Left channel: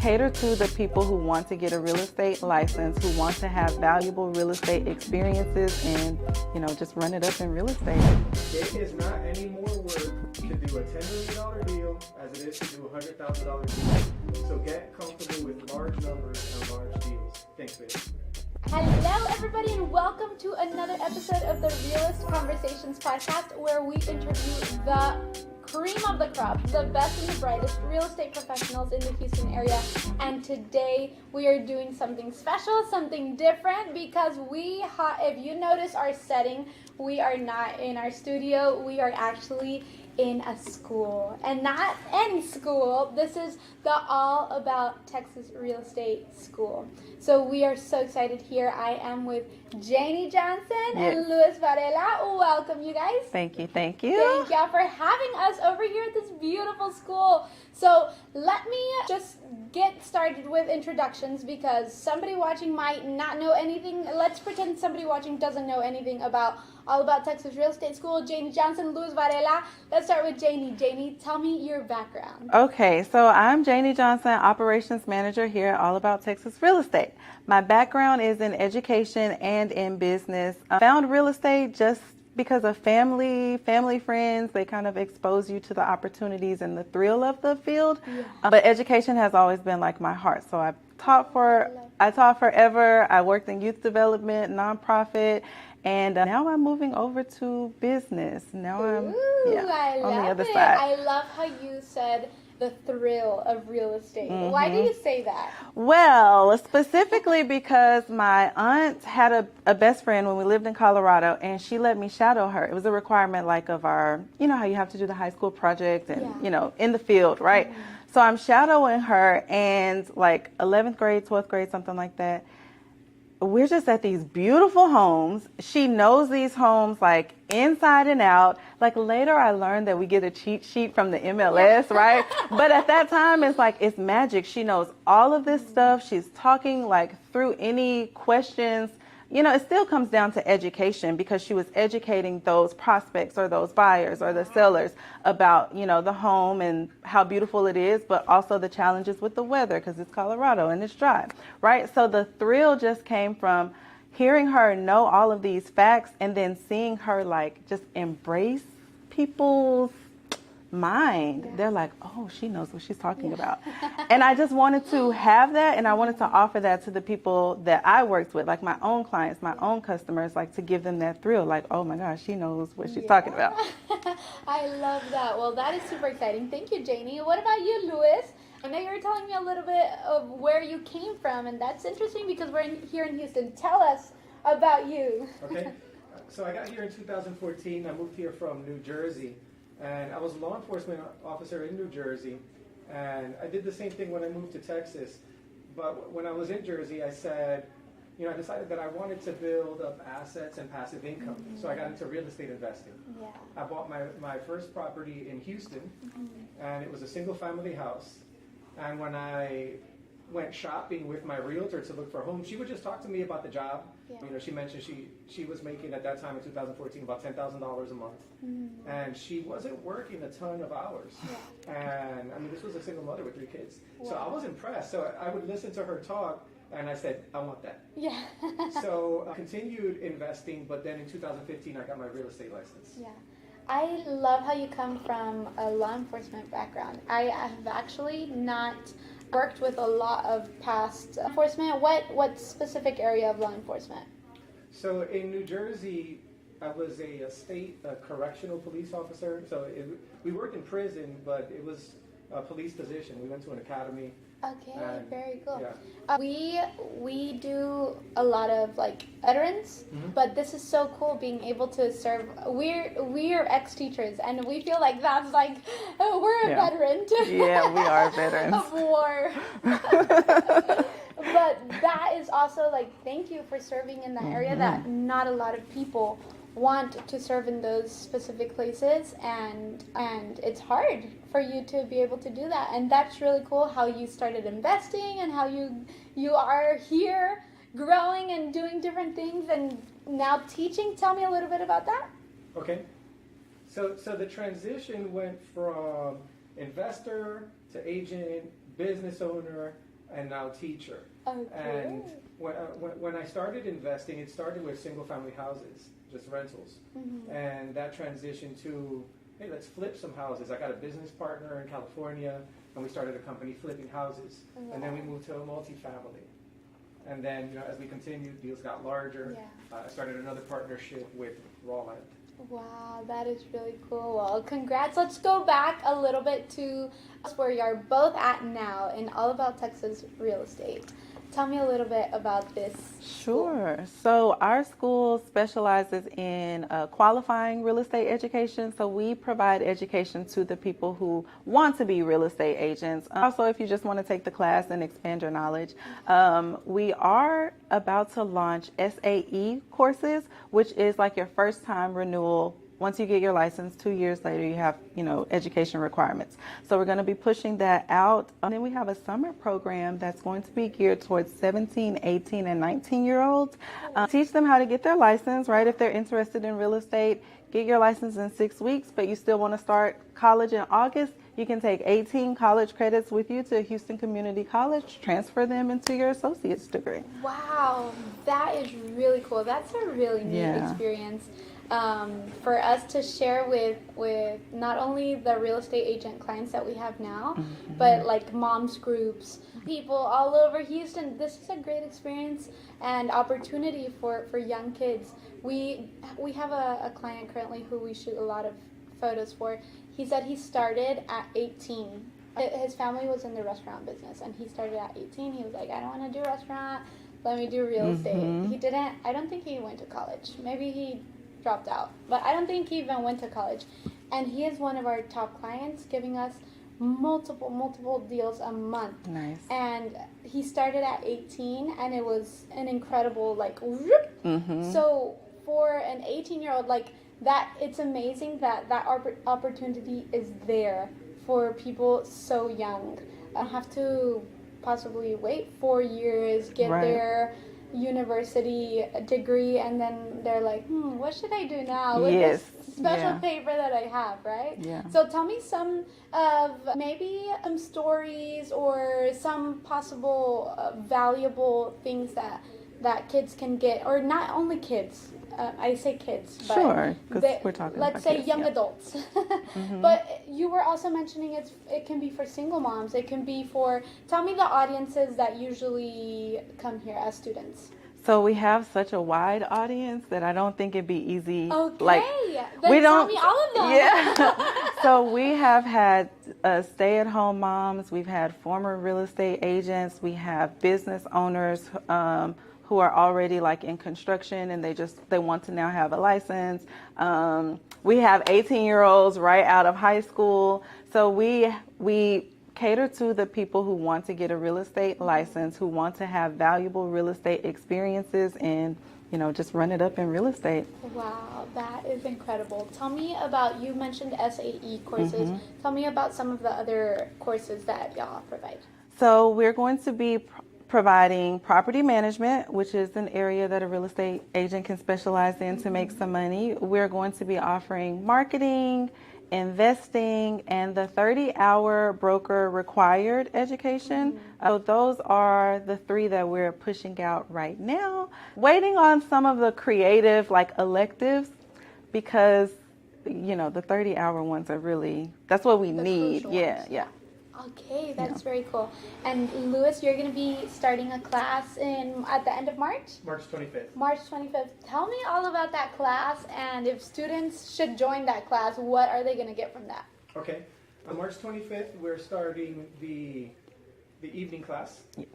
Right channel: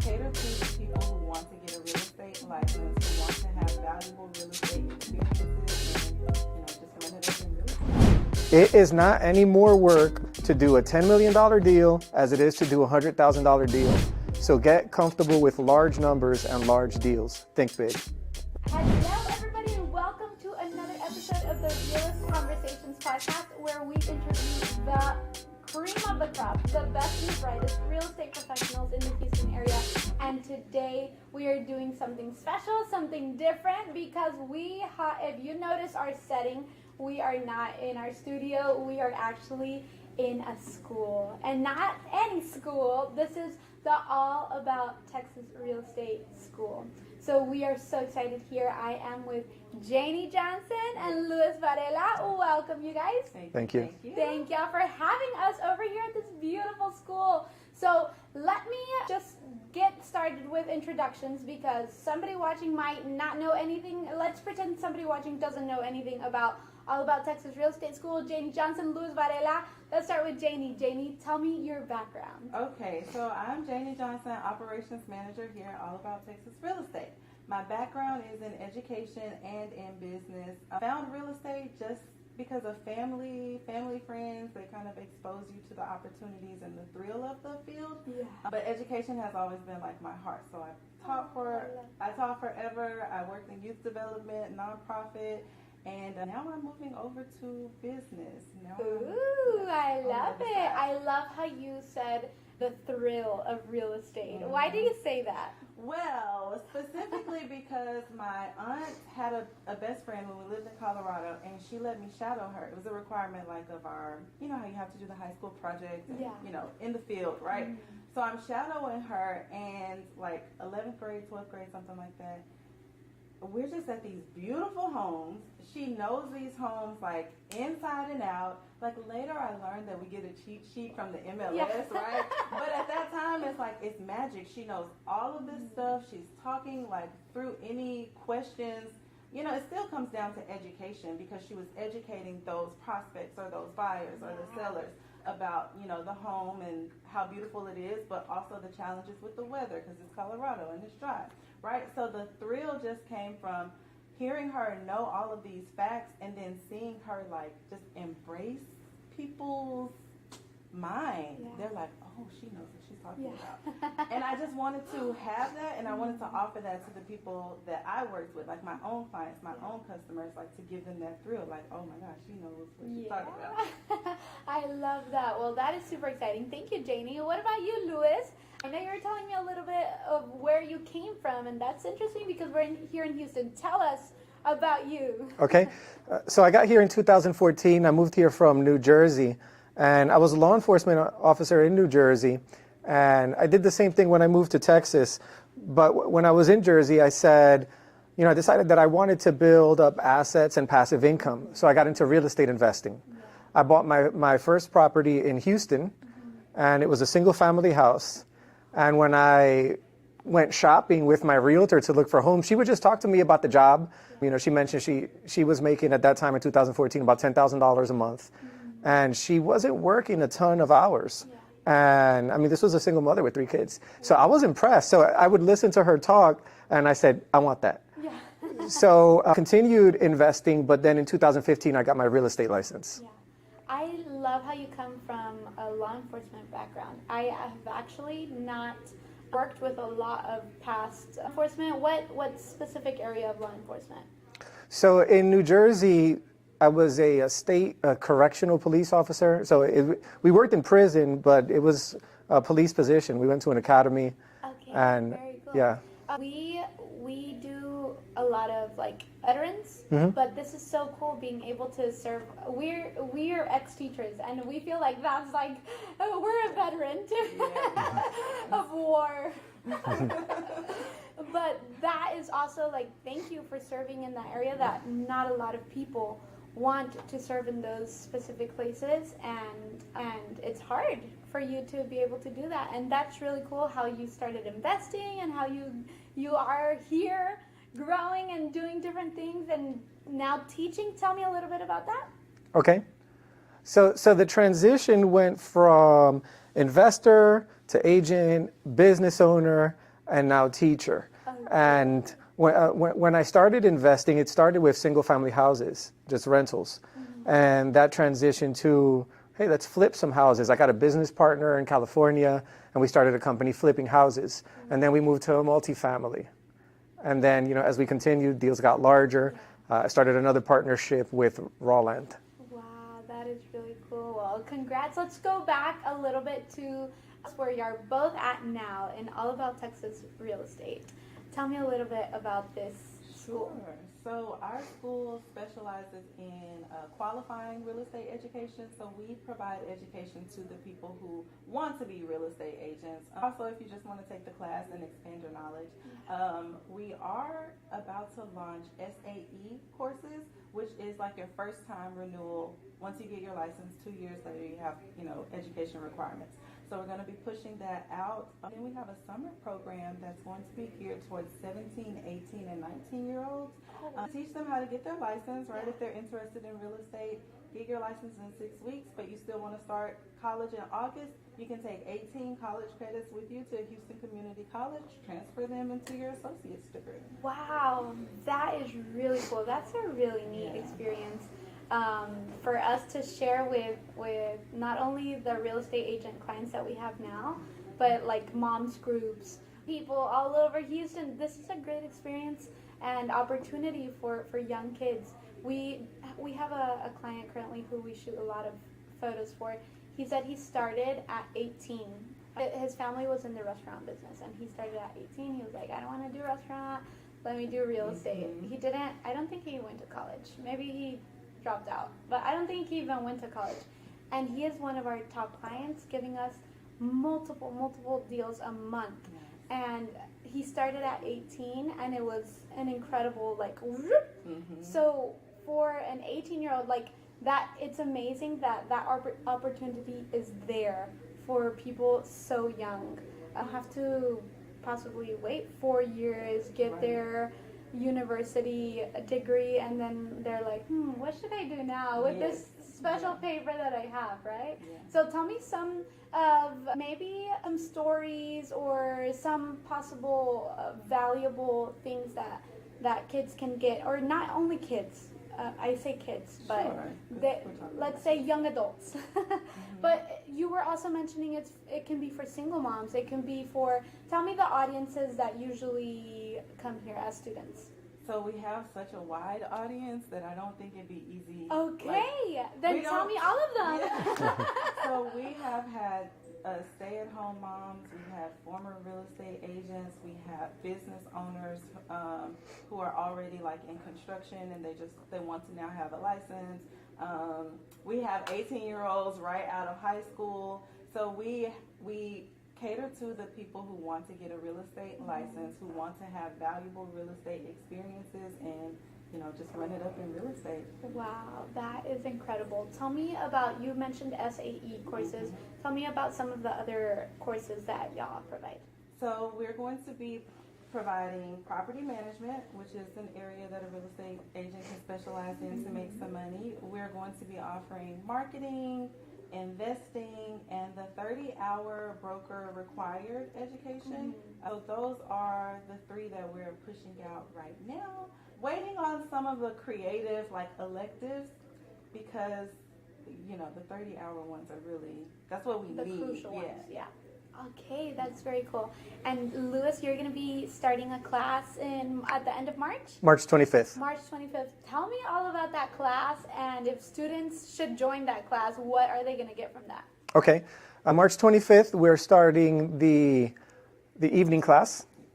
cater to the people who want to get a real estate license, who want to have valuable real estate experiences and, just run it up in real estate. It is not any more work to do a $10 million deal as it is to do a $100,000 deal. So get comfortable with large numbers and large deals. Think big. Hello everybody and welcome to another episode of the Realist Conversations podcast, where we interview the cream of the crop, the best and the brightest real estate professionals in the Houston area. And today we are doing something special, something different, because if you notice our setting, we are not in our studio, we are actually in a school, and not any school. This is the All About Texas Real Estate School. So we are so excited here. I am with Janie Johnson and Luis Varela. Welcome, you guys. Thank you. Thank y'all for having us over here at this beautiful school. So let me just get started with introductions, because somebody watching might not know anything. Let's pretend somebody watching doesn't know anything about All About Texas Real Estate School. Janie Johnson, Luis Varela. Let's start with Janie. Janie, tell me your background. Okay, so I'm Janie Johnson, Operations Manager here at All About Texas Real Estate. My background is in education and in business. I found real estate just because of family friends. They kind of expose you to the opportunities and the thrill of the field. Yeah. But education has always been like my heart. So I taught forever. I worked in youth development, nonprofit, and now I'm moving over to business. Now I'm on the other side. I love how you said the thrill of real estate. Mm-hmm. Why do you say that? Well, specifically because my aunt had a best friend when we lived in Colorado, and she let me shadow her. It was a requirement of our, how you have to do the high school project and, in the field, right? Mm-hmm. So I'm shadowing her, and 11th grade, 12th grade, something like that. We're just at these beautiful homes. She knows these homes inside and out. Later I learned that we get a cheat sheet from the MLS, right? But at that time it's magic. She knows all of this stuff. She's talking through any questions. It still comes down to education, because she was educating those prospects or those buyers or the sellers about, the home and how beautiful it is, but also the challenges with the weather, because it's Colorado and it's dry, right? So the thrill just came from hearing her know all of these facts, and then seeing her just embrace people's mind. They're oh, she knows what she's talking about. And I just wanted to have that, and I wanted to offer that to the people that I worked with, my own clients, my own customers, to give them that thrill, oh my gosh, she knows what she's talking about. I love that. Well, that is super exciting. Thank you, Janie. What about you, Luis? I know you were telling me a little bit of where you came from, and that's interesting because we're here in Houston. Tell us about you. Okay. So I got here in 2014. I moved here from New Jersey. And I was a law enforcement officer in New Jersey, and I did the same thing when I moved to Texas. But when I was in Jersey, I said, I decided that I wanted to build up assets and passive income. So I got into real estate investing. Yeah. I bought my first property in Houston, and it was a single family house. And when I went shopping with my realtor to look for homes, she would just talk to me about the job. Yeah. She mentioned she was making at that time in 2014 about $10,000 a month. And she wasn't working a ton of hours. Yeah. And this was a single mother with 3 kids. Yeah. So I was impressed. So I would listen to her talk, and I said, I want that. Yeah. So I continued investing, but then in 2015, I got my real estate license. Yeah. I love how you come from a law enforcement background. I have actually not worked with a lot of past enforcement. What specific area of law enforcement? So in New Jersey, I was a state correctional police officer. So we worked in prison, but it was a police position. We went to an academy. Okay, and very cool. Yeah. We do a lot of veterans, but this is so cool being able to serve. We're ex-teachers, and we feel like that's we're a veteran. Yeah, we are veterans of war. But that is also thank you for serving in that area that not a lot of people want to serve in those specific places, and it's hard for you to be able to do that. And that's really cool how you started investing and how you are here growing and doing different things and now teaching. Tell me a little bit about that. Okay. So the transition went from investor to agent, business owner, and now teacher. Okay. And when I started investing, it started with single family houses, just rentals. And that transitioned to, hey, let's flip some houses. I got a business partner in California, and we started a company flipping houses. And then we moved to a multifamily. And then, as we continued, deals got larger. I started another partnership with Raw Land. Wow, that is really cool. Well, congrats. Let's go back a little bit to where you're both at now in All About Texas Real Estate. Tell me a little bit about this school. Sure. So our school specializes in qualifying real estate education. So we provide education to the people who want to be real estate agents. Also, if you just want to take the class and expand your knowledge, we are about to launch SAE courses, which is like your first time renewal. Once you get your license, 2 years later, you have, education requirements. So we're going to be pushing that out. And then we have a summer program that's going to be geared towards 17, 18, and 19-year-olds. Teach them how to get their license, right? If they're interested in real estate, get your license in 6 weeks, but you still want to start college in August. You can take 18 college credits with you to Houston Community College, transfer them into your associate's degree. Wow, that is really cool. That's a really neat experience. For us to share with not only the real estate agent clients that we have now, but like moms groups, people all over Houston. This is a great experience and opportunity for young kids. We have a client currently who we shoot a lot of photos for. He said he started at 18. His family was in the restaurant business, and he started at 18. He was like, I don't want to do restaurant. Let me do real estate. I don't think he went to college. Maybe he dropped out, but I don't think he even went to college. And he is one of our top clients, giving us multiple deals a month. Nice. And he started at 18, and it was an incredible So for an 18-year-old like that, it's amazing that opportunity is there for people so young. I don't have to possibly wait 4 years, get their university degree, and then they're like, what should I do now with this special paper that I have, right? Yeah. So tell me some of maybe some stories or some possible valuable things that kids can get, or not only kids. I say kids, but sure, because we're talking let's about say kids, young adults. But you were also mentioning it can be for single moms. It can be for, tell me the audiences that usually come here as students. So we have such a wide audience that I don't think it'd be easy. Okay, then tell me all of them. Yeah. So we have had stay-at-home moms. We've had former real estate agents. We have business owners who are already like in construction, and they want to now have a license. We have 18-year-olds right out of high school. So we cater to the people who want to get a real estate license, who want to have valuable real estate experiences, and just run it up in real estate. Wow, that is incredible. Tell me about, you mentioned SAE courses. Tell me about some of the other courses that y'all provide. So we're going to be providing property management, which is an area that a real estate agent can specialize in to make some money. We're going to be offering marketing, investing, and the 30-hour broker required education. So those are the 3 that we're pushing out right now. Waiting on some of the creative electives, because the 30-hour ones are really, that's what we need. Yeah. Okay, that's very cool. And Louis, you're going to be starting a class at the end of March? March 25th. March 25th. Tell me all about that class, and if students should join that class, what are they going to get from that? Okay. On March 25th, we're starting the evening class. Yes.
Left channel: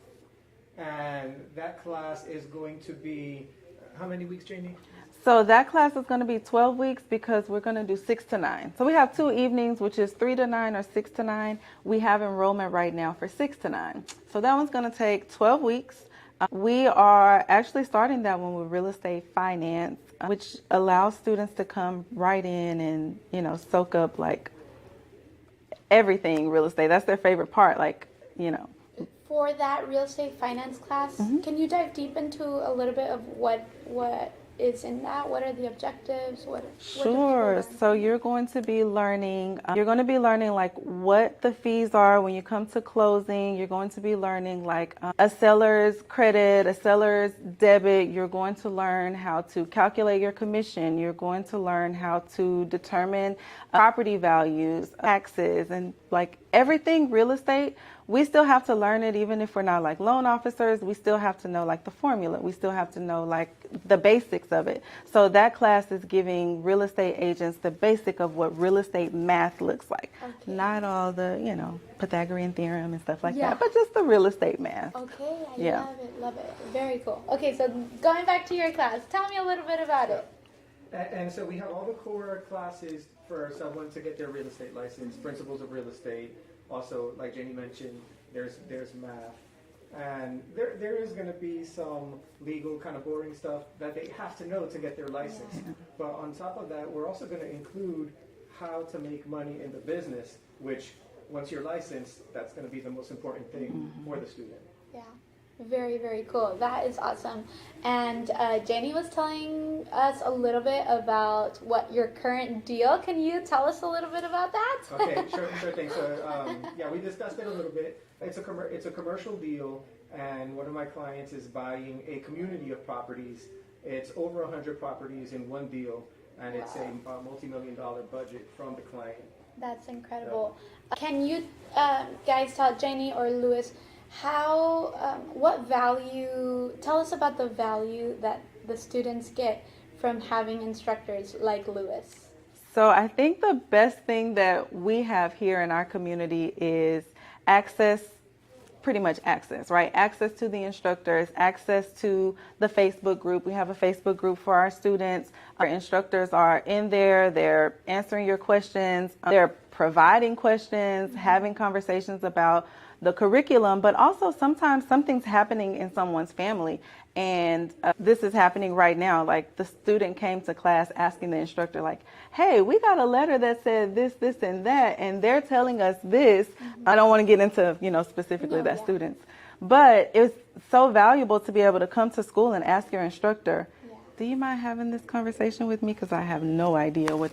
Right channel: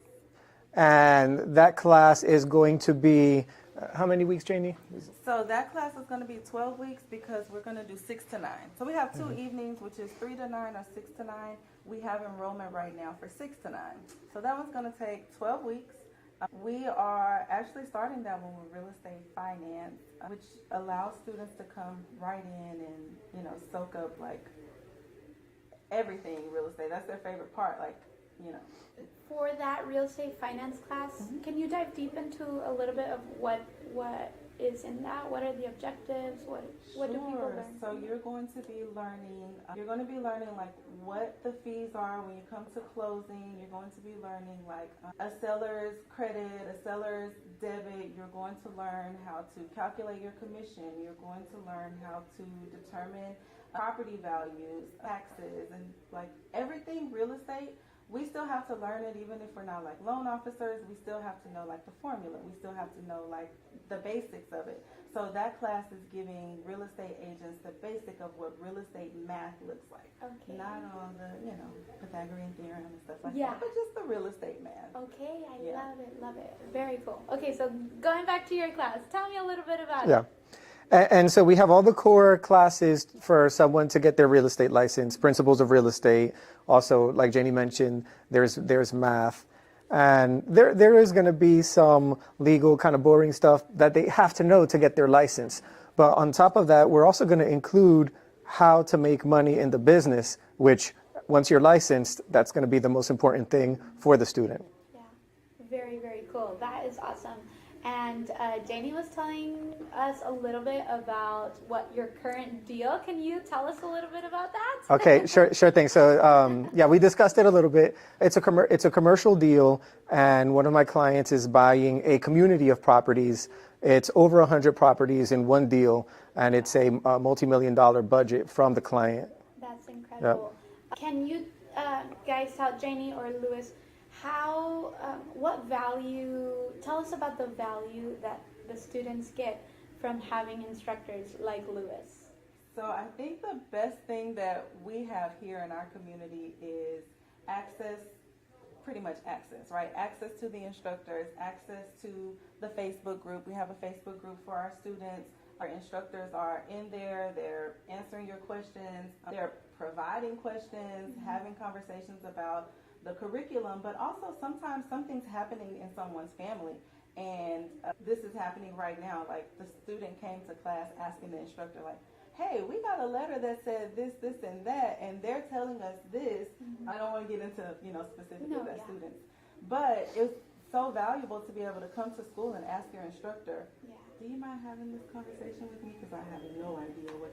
And that class is going to be, how many weeks, Jamie? So that class is going to be 12 weeks because we're going to do 6 to 9. So we have 2 evenings, which is 3 to 9 or 6 to 9. We have enrollment right now for 6 to 9. So that one's going to take 12 weeks. We are actually starting that one with real estate finance, which allows students to come right in and, soak up everything real estate. That's their favorite part, For that real estate finance class, can you dive deep into a little bit of what is in that? What are the objectives? What do people Sure. learn? So you're going to be learning, like what the fees are when you come to closing. You're going to be learning like a seller's credit, a seller's debit. You're going to learn how to calculate your commission. You're going to learn how to determine property values, taxes, and like everything real estate. We still have to learn it even if we're not like loan officers. We still have to know like the formula. We still have to know like the basics of it. So that class is giving real estate agents the basic of what real estate math looks like. Okay. Not all the, Pythagorean theorem and stuff like Yeah. that, but just the real estate math. Okay, I Yeah. love it, love it. Very cool. Okay, so going back to your class, tell me a little bit about Yeah. it. And so we have all the core classes for someone to get their real estate license, principles of real estate. Also, like Janie mentioned, there's math. And there is going to be some legal kind of boring stuff that they have to know to get their license. But on top of that, we're also going to include how to make money in the business, which once you're licensed, that's going to be the most important thing for the student. Yeah, very, very cool. That is awesome. And Janie was telling us a little bit about what your current deal. Can you tell us a little bit about that? Okay, sure thing. So yeah, we discussed it a little bit. It's a commercial deal, and one of my clients is buying a community of properties. It's over 100 properties in one deal, and it's a multi-million-dollar budget from the client. That's incredible. Can you guys tell Janie or Louis tell us about the value that the students get from having instructors like Louis? So I think the best thing that we have here in our community is pretty much access, right? Access to the instructors, access to the Facebook group. We have a Facebook group for our students. Our instructors are in there. They're answering your questions. They're providing questions, having conversations about the curriculum, but also sometimes something's happening in someone's family. And this is happening right now. Like the student came to class asking the instructor like, hey, we got a letter that said this, this, and that, and they're telling us this. I don't want to get into, specifically students, but it's so valuable to be able to come to school and ask your instructor, do you mind having this conversation with me? Because I have no idea what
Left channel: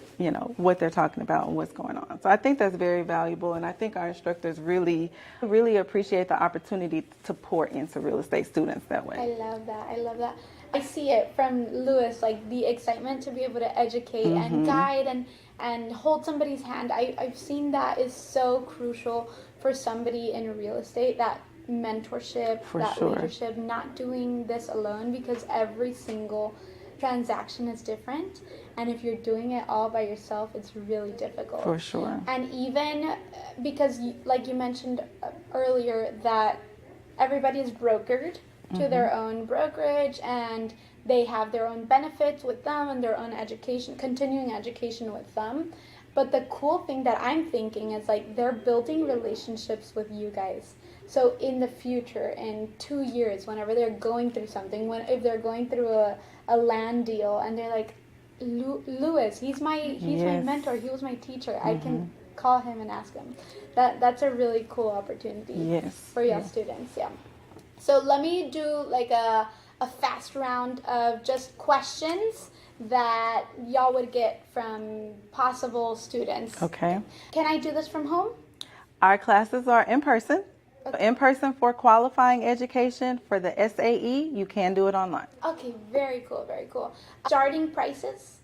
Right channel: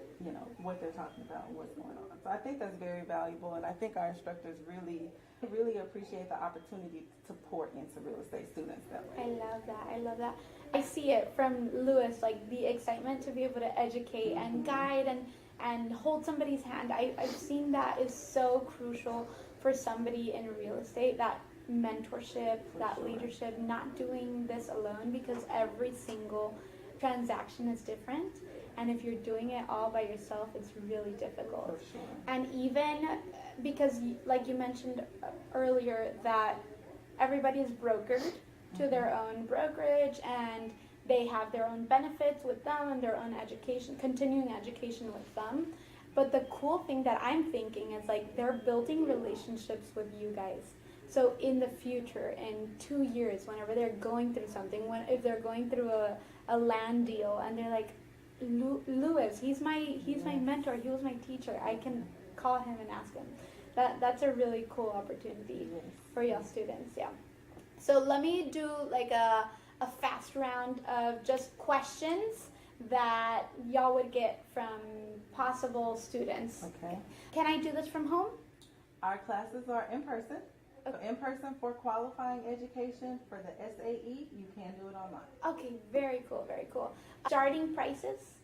they're talking about and what's going on. So I think that's very valuable, and I think our instructors really, really appreciate the opportunity to pour into real estate students that way. I love that. I see it from Louis, like the excitement to be able to educate and guide and hold somebody's hand. I've seen that is so crucial for somebody in real estate, that mentorship, leadership, not doing this alone, because every single transaction is different, and if you're doing it all by yourself, it's really difficult. For sure. And even because, like you mentioned earlier, that everybody is brokered to their own brokerage, and they have their own benefits with them and their own education, continuing education with them. But the cool thing that I'm thinking is like they're building relationships with you guys. So in the future, in 2 years, whenever they're going through something, if they're going through a land deal and they're like, Louis, he's my mentor, he was my teacher, I can call him and ask him. That's a really cool opportunity for y'all students. Yeah. So let me do like a fast round of just questions that y'all would get from possible students. Okay. Can I do this from home? Our classes are in person. Okay. In person for qualifying education. For the SAE, you can do it online. Okay, very cool, very cool. Starting prices?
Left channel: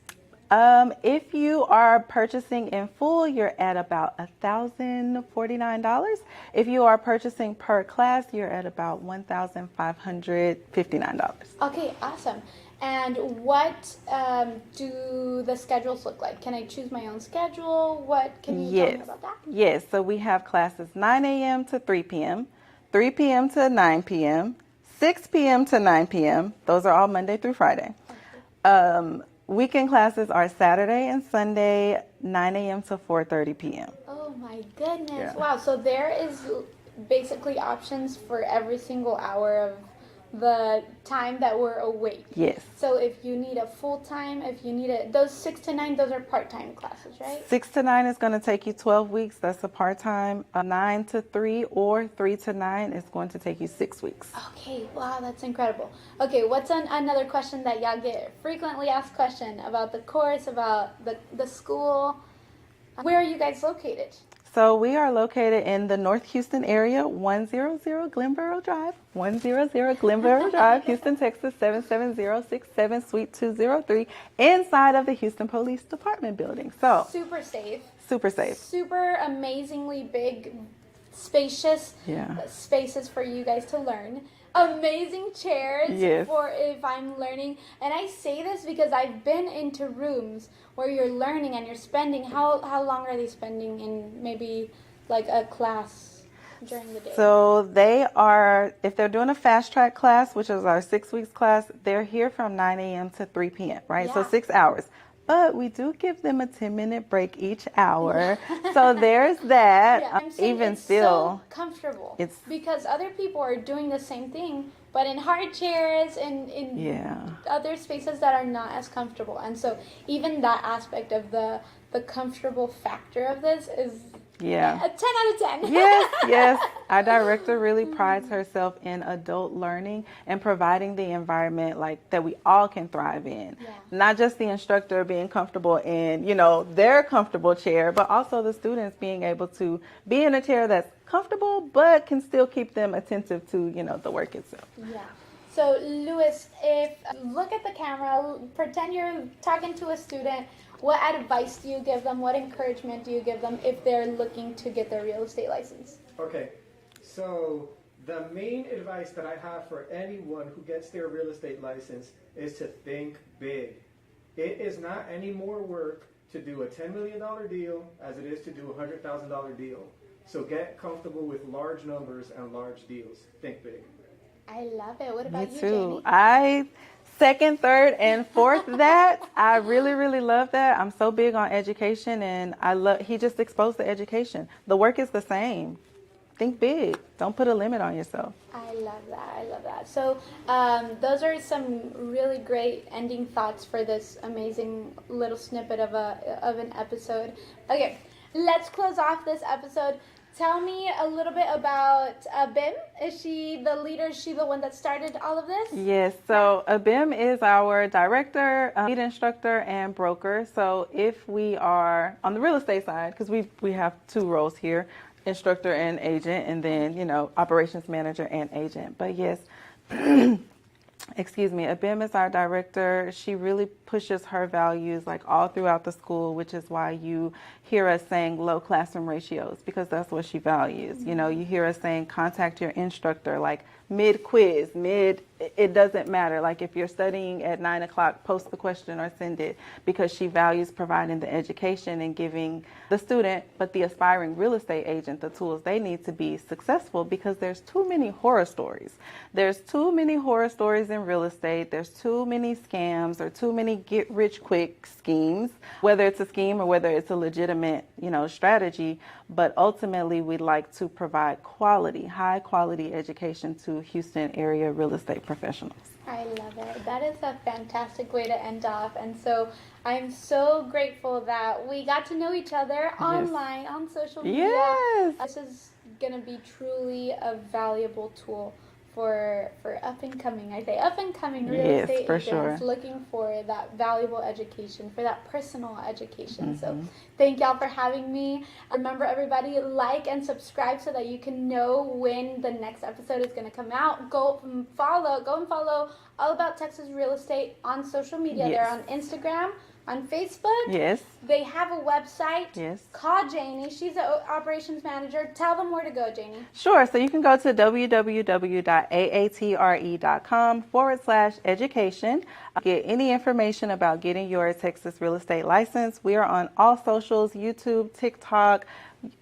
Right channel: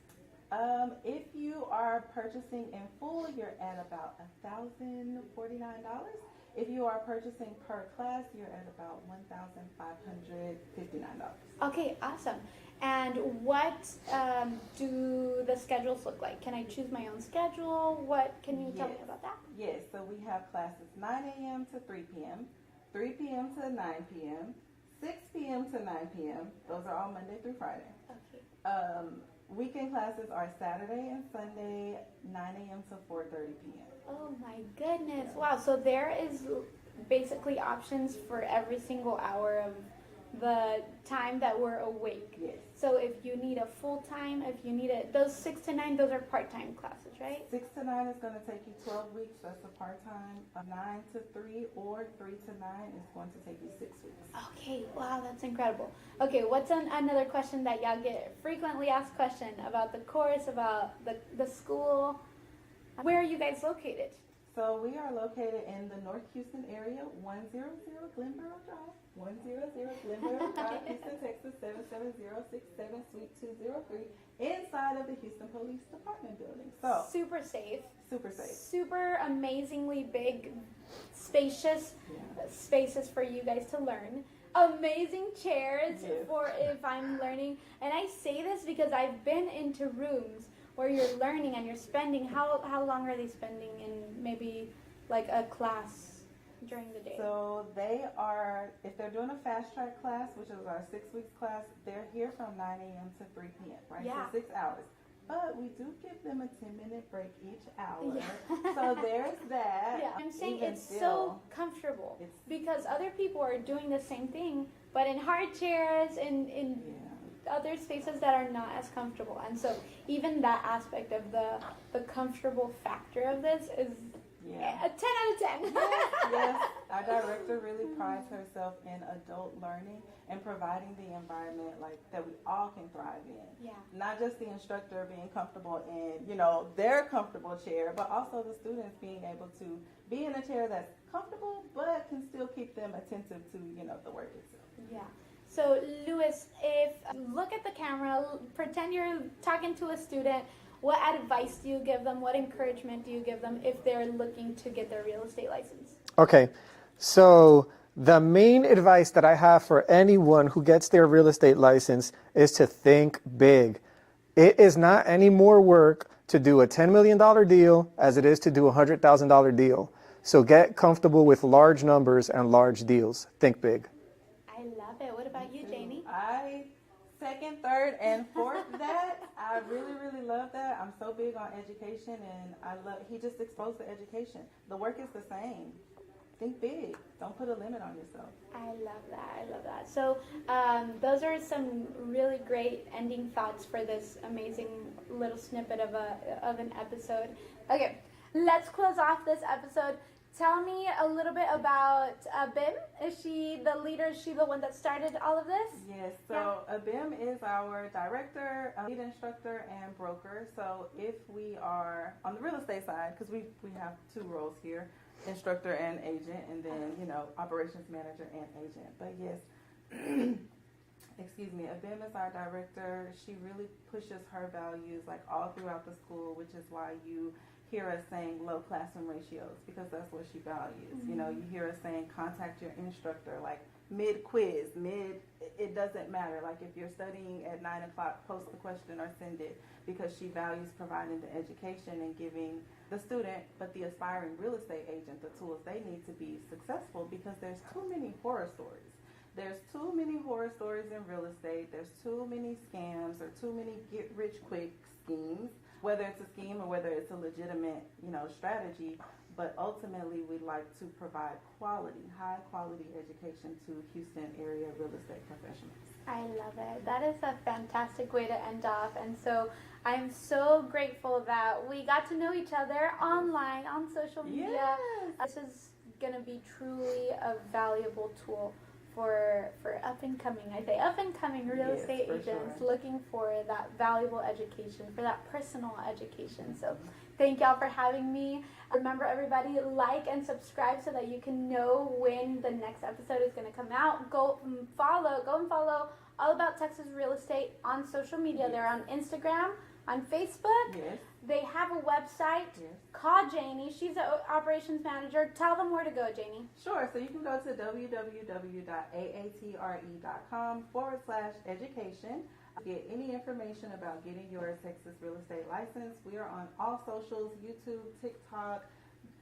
If you are purchasing in full, you're at about $1,049. If you are purchasing per class, you're at about $1,559. Okay, awesome. And what do the schedules look like? Can I choose my own schedule? What can you tell me about that? Yes, so we have classes 9 a.m. to 3 p.m., 3 p.m. to 9 p.m., 6 p.m. to 9 p.m. Those are all Monday through Friday. Okay. Weekend classes are Saturday and Sunday, 9 a.m. to 4:30 p.m. Oh my goodness. Yeah. Wow, so there is basically options for every single hour of the time that we're awake. Yes. So if you need a full-time, if you need those 6 to 9, those are part-time classes, right? 6 to 9 is going to take you 12 weeks. That's a part-time. 9 to 3 or 3 to 9 is going to take you 6 weeks. Okay, wow, that's incredible. Okay, what's another question that y'all get frequently asked question about the course, about the school? Where are you guys located? So we are located in the North Houston area, 100 Glenboro Drive, Houston, Texas, 77067, Suite 203, inside of the Houston Police Department building. So super safe. Super safe. Super amazingly big, spacious spaces for you guys to learn. Amazing chairs for if I'm learning. And I say this because I've been into rooms where you're learning and you're spending, how long are they spending in maybe like a class during the day? So they are, if they're doing a fast track class, which is our 6 weeks class, they're here from 9 a.m. to 3 p.m., right? So 6 hours. But we do give them a 10-minute break each hour. So there's that. Even it's still, so comfortable. Because other people are doing the same thing, but in hard chairs and in other spaces that are not as comfortable. And so even that aspect of the comfortable factor of this is a 10 out of 10. Yes. Our director really prides herself in adult learning and providing the environment like that we all can thrive in. Not just the instructor being comfortable in, their comfortable chair, but also the students being able to be in a chair that's comfortable but can still keep them attentive to, the work itself. Yeah. So, Luis, if look at the camera, pretend you're talking to a student. What advice do you give them? What encouragement do you give them if they're looking to get their real estate license? Okay, so the main advice that I have for anyone who gets their real estate license is to think big. It is not any more work to do a $10 million deal as it is to do a $100,000 deal. So get comfortable with large numbers and large deals. Think big. I love it. What about Me you, too. Janie? Second, third, and fourth that. I really, really love that. I'm so big on education, and he just exposed the education. The work is the same. Think big. Don't put a limit on yourself. I love that. So those are some really great ending thoughts for this amazing little snippet of an episode. Okay, let's close off this episode. Tell me a little bit about Abim. Is she the leader? Is she the one that started all of this? Yes. So Abim is our director, lead instructor, and broker. So if we are on the real estate side, because we have 2 roles here, instructor and agent, and then, operations manager and agent. But yes, excuse me, Abim is our director. She really pushes her values like all throughout the school, which is why you hear us saying low classroom ratios, because that's what she values. You hear us saying contact your instructor like mid-quiz, it doesn't matter. Like if you're studying at 9 o'clock, post the question or send it, because she values providing the education and giving the student, but the aspiring real estate agent, the tools they need to be successful, because there's too many horror stories. There's too many horror stories in real estate. There's too many scams or too many get-rich-quick schemes, whether it's a scheme or whether it's a legitimate, strategy. But ultimately, we like to provide high-quality education to Houston area real estate professionals. I love it. That is a fantastic way to end off. And so I'm so grateful that we got to know each other online, on social media. Yes. This is going to be truly a valuable tool for up and coming, real estate agents looking for that valuable education, for that personal education. So thank y'all for having me. Remember, everybody, like and subscribe so that you can know when the next episode is going to come out. Go and follow All About Texas Real Estate on social media. They're on Instagram, on Facebook. Yes. They have a website. Yes. Call Janie. She's the operations manager. Tell them where to go, Janie. Sure. So you can go to www.aatre.com/education. Get any information about getting your Texas real estate license. We are on all socials: YouTube, TikTok,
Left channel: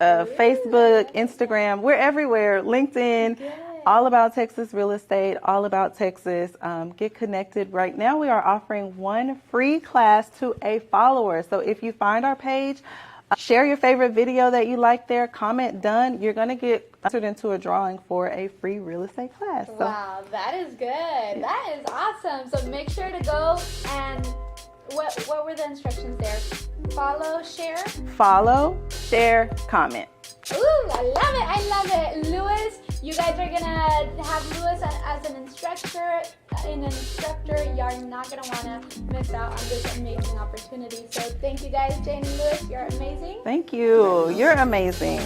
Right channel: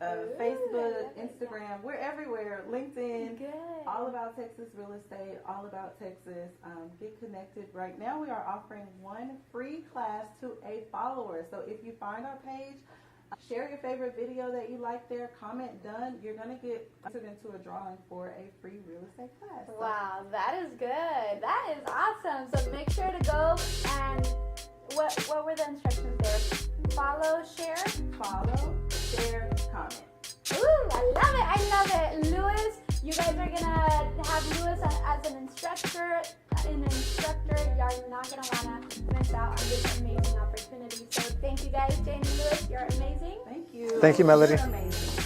Facebook, Instagram. We're everywhere. LinkedIn. Good. All About Texas Real Estate, All About Texas. Get connected. Right now we are offering 1 free class to a follower. So if you find our page, Share your favorite video that you like there. Comment done. You're going to get entered into a drawing for a free real estate class. So. Wow, that is good. That is awesome. So make sure to go and what were the instructions there? Follow, share, comment. Ooh, I love it. I love it. Lewis, you guys are going to have Lewis as an instructor. You're not going to want to miss out on this amazing opportunity. So thank you guys, Jane and Lewis. You're amazing. Thank you. Thank you, Melody. You're amazing.